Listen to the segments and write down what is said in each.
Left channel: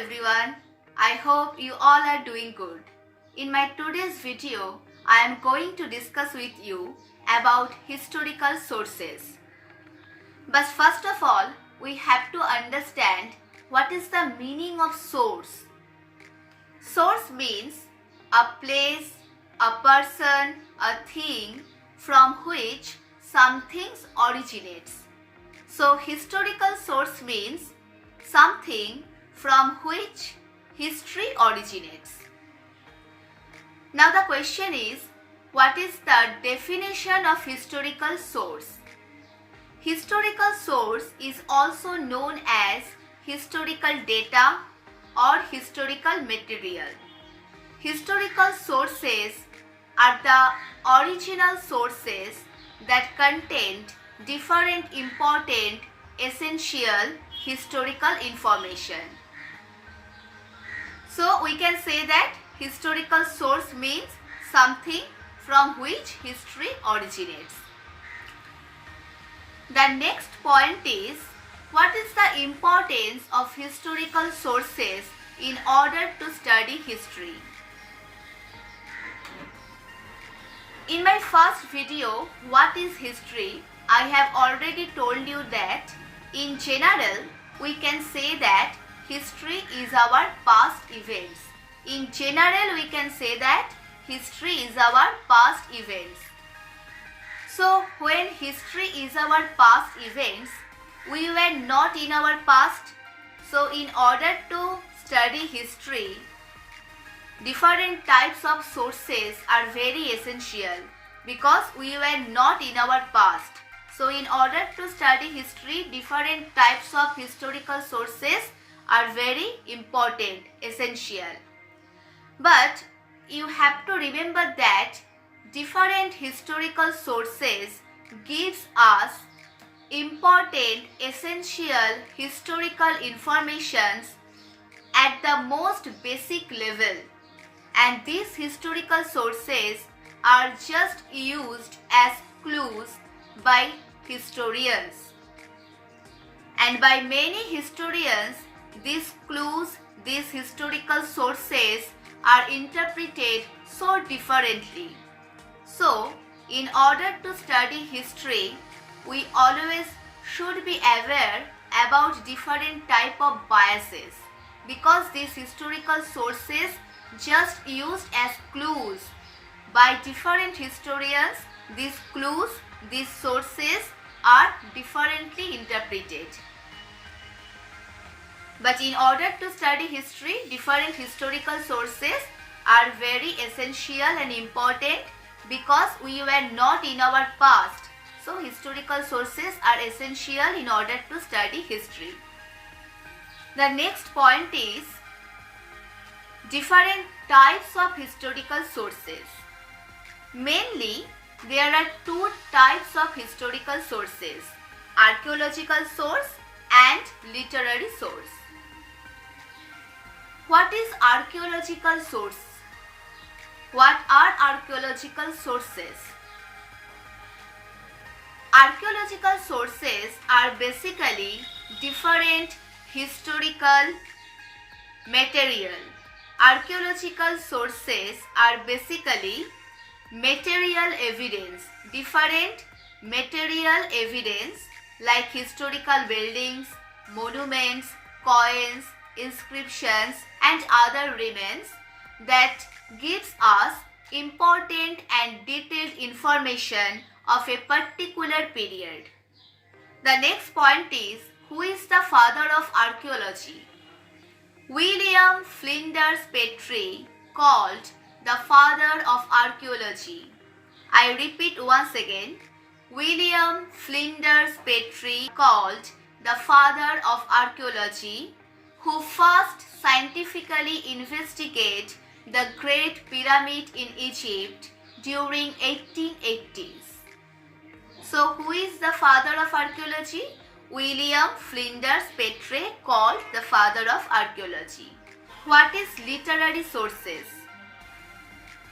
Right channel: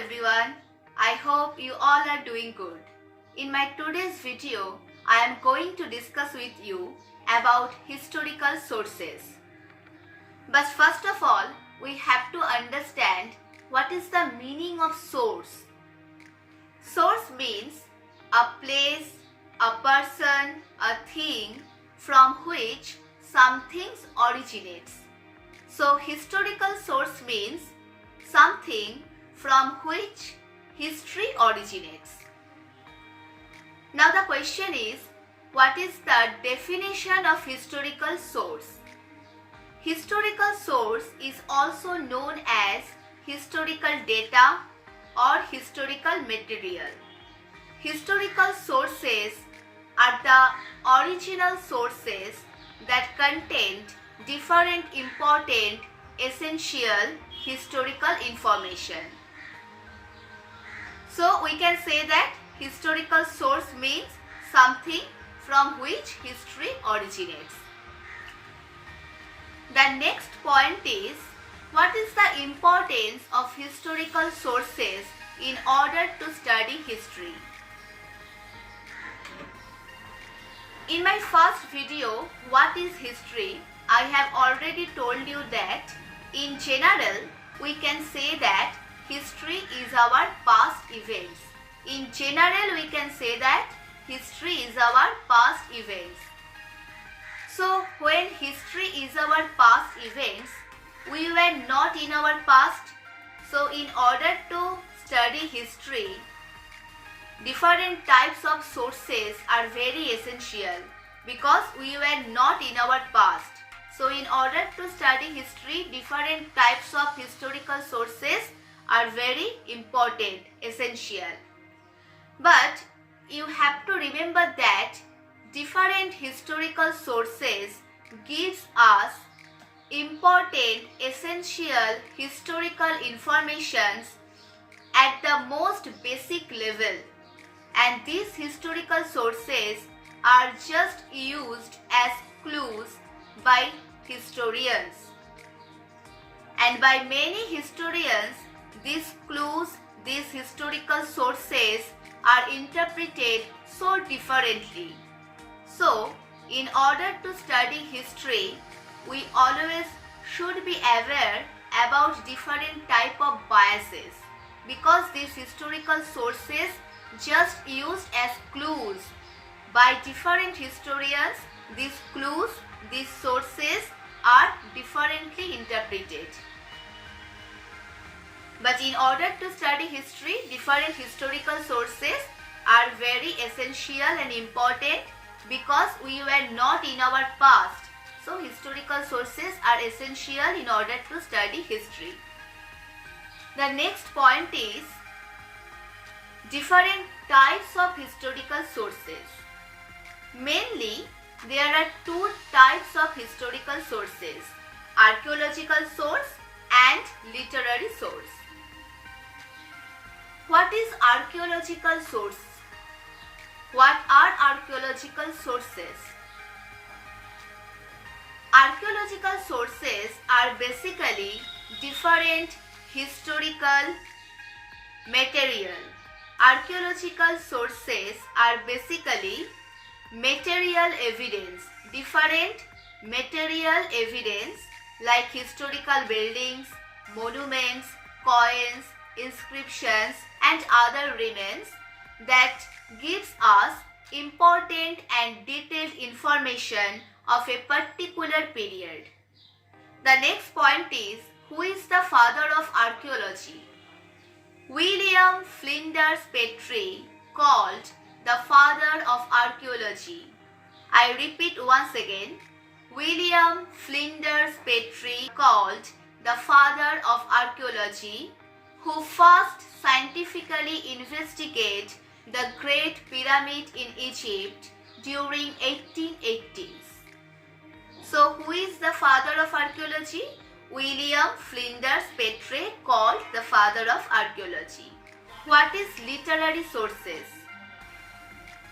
everyone. I hope you all are doing good. In my today's video, I am going to discuss with you about historical sources. But first of all, we have to understand what is the meaning of source. Source means a place, a person, a thing from which something originates. So historical source means something from which history originates. Now the question is, what is the definition of historical source? Historical source is also known as historical data or historical material. Historical sources are the original sources that contain different important essential historical information. So we can say that historical source means something from which history originates. The next point is, what is the importance of historical sources in order to study history? In my first video, What is History? I have already told you that in general, we can say that history is our past events. In general, we can say that history is our past events. So, when history is our past events, we were not in our past. So, in order to study history, different types of sources are very essential because we were not in our past. So, in order to study history, different types of historical sources are very important, essential. But you have to remember that different historical sources gives us important, essential historical informations at the most basic level. And these historical sources are just used as clues by historians. And by many historians, these clues, these historical sources are interpreted so differently. So, in order to study history, we always should be aware about different type of biases because these historical sources just used as clues by different historians. These clues, these sources are differently interpreted. But in order to study history, different historical sources are very essential and important because we were not in our past. So historical sources are essential in order to study history. The next point is different types of historical sources. Mainly, there are two types of historical sources: archaeological source and literary source. What is archaeological source? What are archaeological sources? Archaeological sources are basically different historical material. Archaeological sources are basically material evidence, different material evidence like historical buildings, monuments, coins, inscriptions and other remains that gives us important and detailed information of a particular period. The next point is, who is the father of archaeology? William Flinders Petrie called the father of archaeology. I repeat once again, William Flinders Petrie called the father of archaeology, who first scientifically investigated the Great Pyramid in Egypt during 1880s. So, who is the father of archaeology? William Flinders Petrie called the father of archaeology. What is literary sources?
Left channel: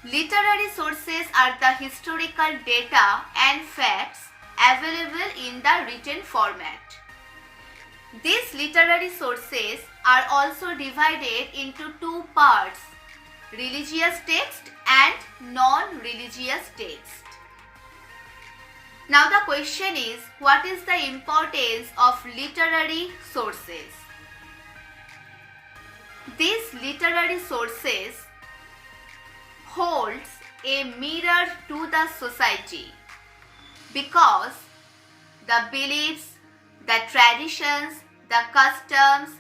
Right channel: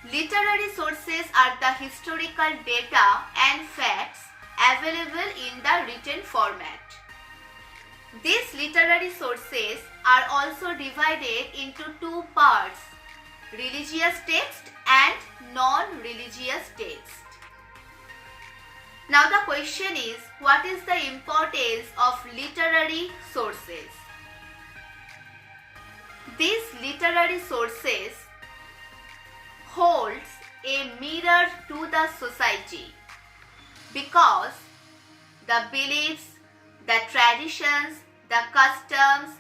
Literary sources are the historical data and facts available in the written format. These literary sources are also divided into two parts, religious text and non-religious text. Now the question is, what is the importance of literary sources? These literary sources holds a mirror to the society because the beliefs, the traditions, the customs,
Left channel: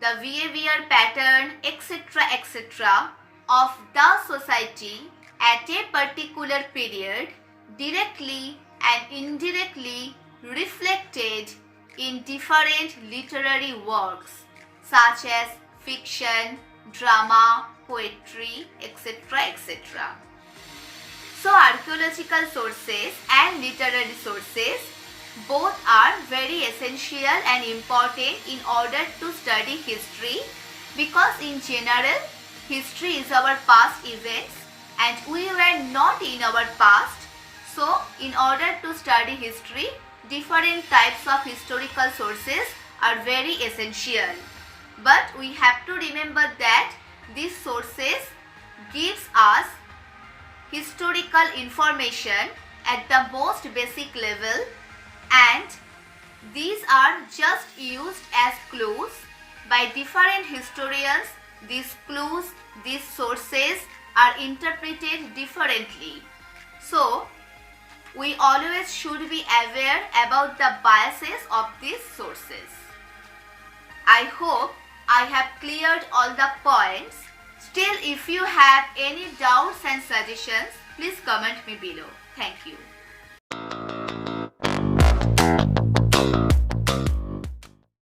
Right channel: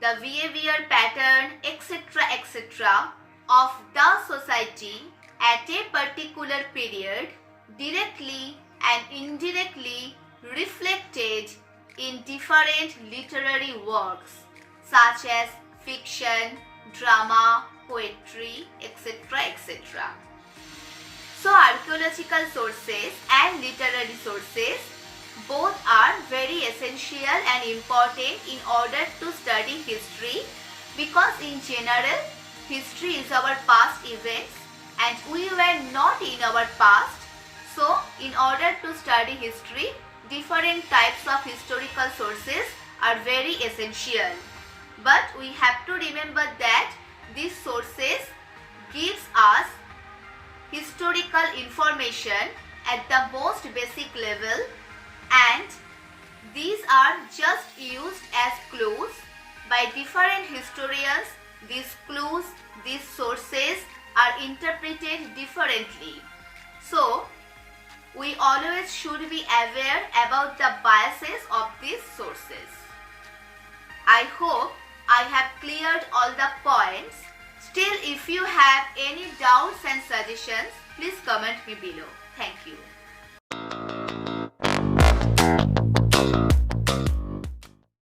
the behavior pattern, etc. of the society at a particular period directly and indirectly reflected in different literary works such as fiction, drama, poetry, etc. So archaeological sources and literary sources both are very essential and important in order to study history, because in general history is our past events and we were not in our past. So in order to study history, different types of historical sources are very essential. But we have to remember that these sources gives us historical information at the most basic level, and these are just used as clues by different historians. These clues, these sources are interpreted differently. So we always should be aware about the biases of these sources. I hope I have cleared all the points. Still, if you have any doubts and suggestions, please comment me below. Thank you.